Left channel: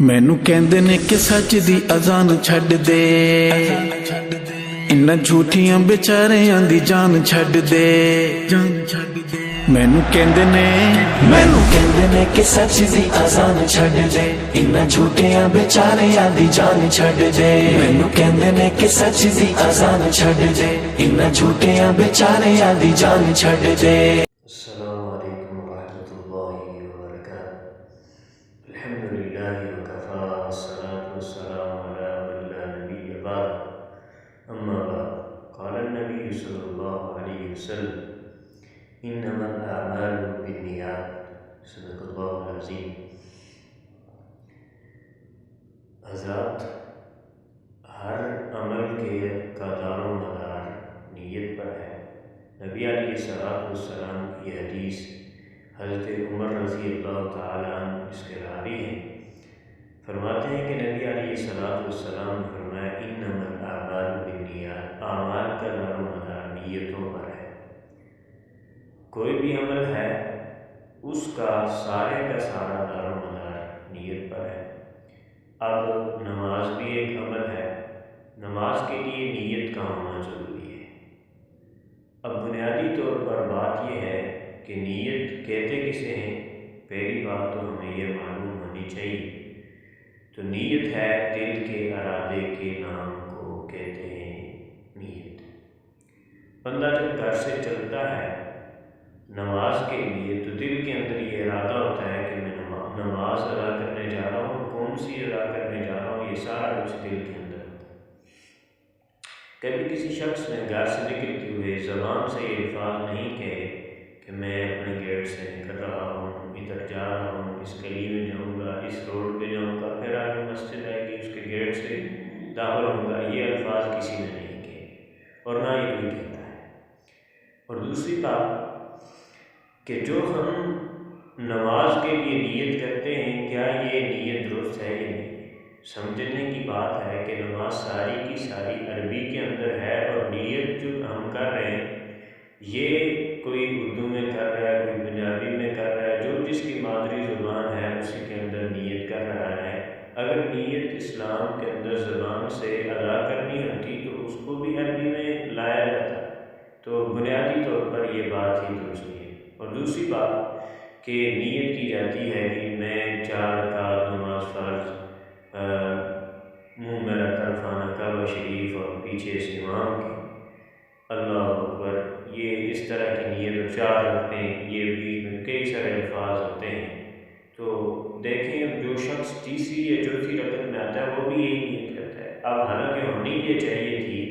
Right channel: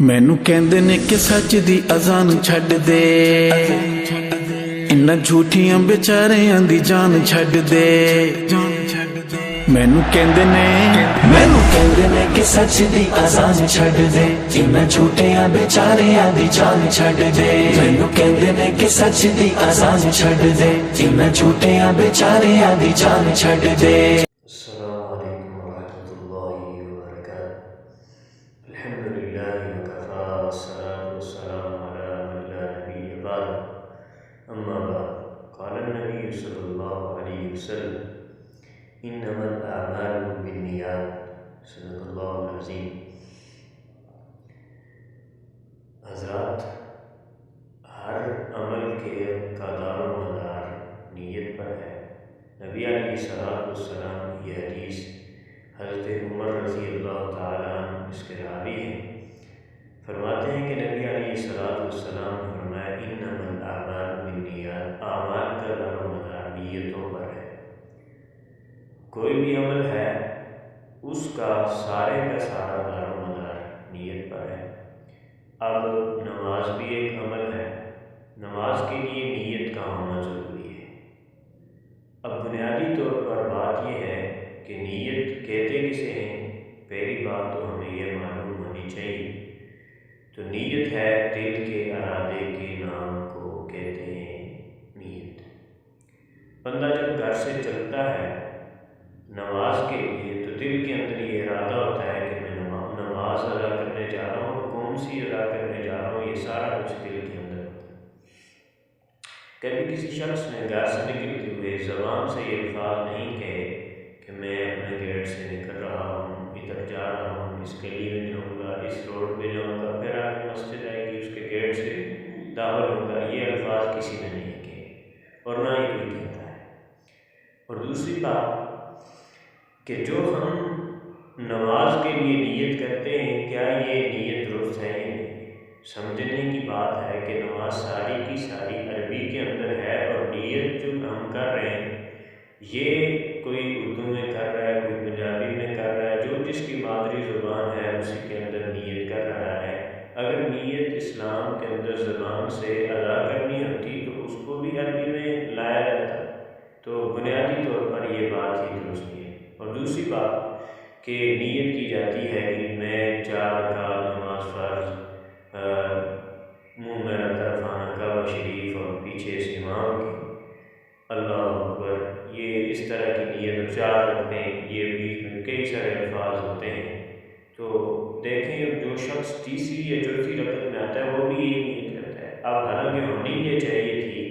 ਮੈਨੂੰ ਕਹਿੰਦੇ ਨੇ ਕਿ ਸੱਚ ਦੀ ਅਜ਼ਾਨ ਛੱਡ ਦੇ, ਇਨ੍ਹਾਂ ਝੂਠੀਆਂ ਵਿਚਾਰਿਆਂ ਦੀ ਜਾਨ ਛੱਡ ਦੇ। ਮੈਨੂੰ ਕਹਿੰਦੇ ਨੇ ਕਿ ਸੱਚ ਦੀ ਅਜ਼ਾਨ ਛੱਡ ਦੇ, ਇਨ੍ਹਾਂ ਝੂਠੀਆਂ ਵਿਚਾਰਿਆਂ ਦੀ ਜਾਨ ਛੱਡ ਦੇ। ਮੈਨੂੰ ਕਹਿੰਦੇ ਨੇ ਕਿ ਸੱਚ ਦੀ ਅਜ਼ਾਨ ਛੱਡ ਦੇ, ਇਨ੍ਹਾਂ ਝੂਠੀਆਂ ਵਿਚਾਰਿਆਂ ਦੀ ਜਾਨ ਛੱਡ ਦੇ। السلام علیکم ورحمۃ اللہ وبرکاتہ۔ الحمدللہ وکفی والصلاة والسلام علی من لا نبی بعد، اما بعد، قال النبی صلی اللہ علیہ وسلم انما الاعمال بالنیات، صدق اللہ العظیم۔ حضرات، ہر عمل کا دار و مدار نیت پر ہے۔ نبی علیہ السلام کی حدیث حضرت عمر رضی اللہ تعالیٰ عنہ اس کے راوی ہیں، فرماتے ہیں کہ نبی علیہ السلام نے فرمایا انما الاعمال بالنیات، اعمال کا دار و مدار نیتوں پر ہے۔ کوئی بھی عمل ہے اس کا سارے کا سارا دار و مدار نیت پر ہے۔ اب نماز بھی ایک عمل ہے، نماز کے لیے نیت کا ہونا ضروری ہے۔ اب بنیادی طور پر بات یہ ہے کہ نیت کہتے کسے ہیں؟ پہلی بات تو ہمیں یہ معلوم ہونی چاہیے، تو نیت ہے دل کے ارادے کے نام کو کہتے ہیں نیت۔ بندہ جب گھر سے چلتا ہے نماز کے لیے تو دل کے اندر یہ ارادہ ہوتا ہے کہ میں نماز ادا کرنے جا رہا ہوں، اور کون سی ادا کرنے جا رہا ہوں، یہ سارا کچھ دل کے اندر ہوتا ہے۔ کبھی کسی شخص نے گھر سے نکلتے ہوئے زبان سے یہ الفاظ نہیں کہے کہ میں اپنے گیٹ سے نکل رہا ہوں، ادھر جا رہا ہوں، اس گلی میں جاؤں گا، اس روڈ پہ جاؤں گا، پھر آگے مسجد آئے گی اس کے گیٹ سے داخل ہوں گا، یہ الفاظ کسی نے نہیں کہے اور نہ ہی کوئی کہتا ہے۔ اور دوسری بات کہ جو ہم نماز کے لیے نیت کرتے ہیں، کیا یہ نیت درست ہے یا نہیں؟ سمجھنے کی بات ہے کہ نماز ساری کی ساری عربی کے اندر ہے، اور نیت جو ہم کر رہے ہیں یہ کوئی اردو میں کر رہا ہے، کوئی پنجابی میں کر رہا ہے، جو جس کی مادری زبان ہے اسی کے اندر نیت کر رہا ہے۔ اگر نیت اسلام کے اندر زبان سے ادا کرنی ہوتی تو اس کو بھی عربی میں لایا جاتا، تو بنیادی طور پر یہ بات ہی درست نہیں ہے۔ اور دوسری بات کہ نیت کی جاتی ہے کہ میں 4 رکعت نماز فرض، منہ میرا طرفانہ کعبہ شریف اور پیچھے سے امام کی اللہ اکبر، یہ اس طرح کی نیت 4 رکھتے ہیں، یہ بیچ میں کئی سارے الفاظ ہوتے ہیں۔ تو دیکھیں جو شخص تیسری یا چوتھی رکعت میں آتا ہے وہ بھی یہی نیت کرتا ہے۔ اب حالانکہ ہونی یہ چاہیے تھی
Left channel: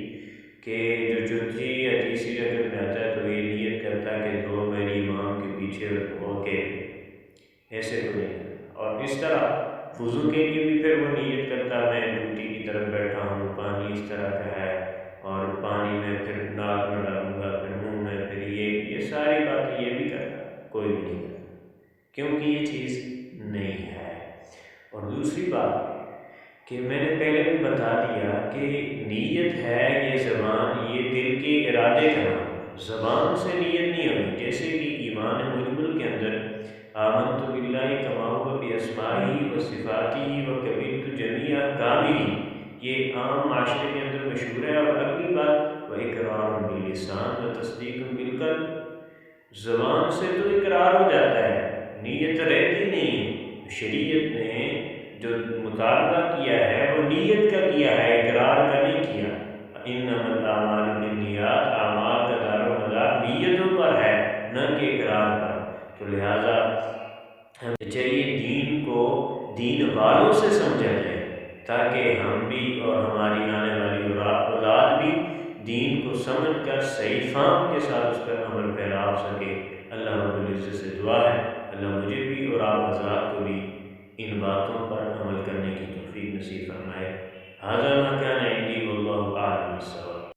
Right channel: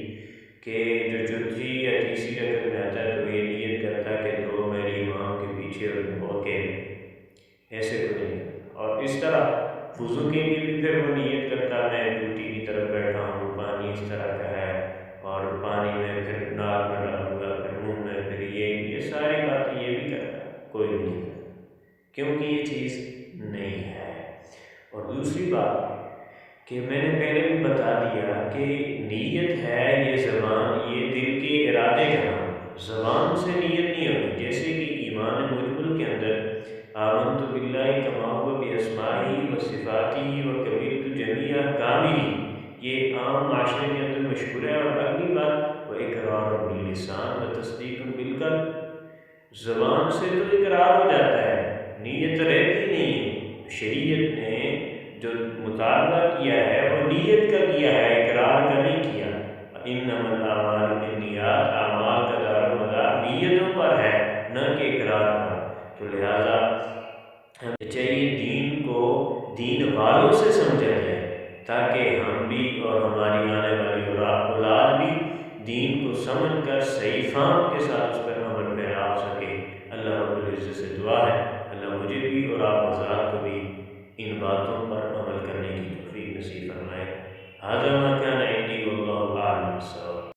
کہ جو چوتھی یا تیسری رکعت میں آتا ہے تو یہ نیت کرتا کہ 2 میری امام کے پیچھے اور اکیلے، ایسے کوئی نہیں کرتا۔ اور اس طرح وضو کے لیے بھی پھر وہ نیت کرتا میں ٹوٹی کی طرف بیٹھا ہوں، پانی اس طرح کا ہے، اور پانی میں پھر ناک میں ڈالوں گا، پھر منہ میں، پھر یہ ساری باتیں یہ بھی کرتا، کوئی بھی نہیں کرتا، کیونکہ یہ چیز نہیں ہے۔ اور دوسری بات کہ میں نے پہلے بھی بتا دیا کہ نیت ہے یہ زبان، یہ دل کے ارادے کا نام، زبان سے نیت نہیں ہوگی۔ جیسے کہ ایمان مجمل کے اندر آمنت باللہ کما ہوا باسمائہ و صفاتہ و قبلت جمیع احکامہ، یہ عام معاشرے کے اندر مشہور ہے۔ اور اگلی بات وہ اقرار باللسان و تصدیق بالقلب، زبان سے تو اقرار ہو جاتا ہے، نیت رہتی نہیں ہے۔ شریعت نے جو مطالبہ کیا ہے وہ نیت کا کیا ہے، اقرار کا نہیں کیا۔ انما الاعمال بالنیات، اعمال کا دار و مدار نیتوں پر ہے، نہ کہ اقرار پر۔ تو لہٰذا ہمیں چاہیے دین کو دین والوں سے سمجھا جائے، تاکہ ہم بھی اور ہماری آنے والی اولاد بھی دین کو سمجھ کر صحیح فہم کے ساتھ اس پر عمل پیرا ہو سکے۔ اللہ رب العزت سے دعا ہے اللہ مجھے بھی اور آپ حضرات کو بھی ان باتوں پر عمل کرنے کی توفیق نصیب فرمائے۔ ھذا ما کان عندی واللہ اعلم بالصواب۔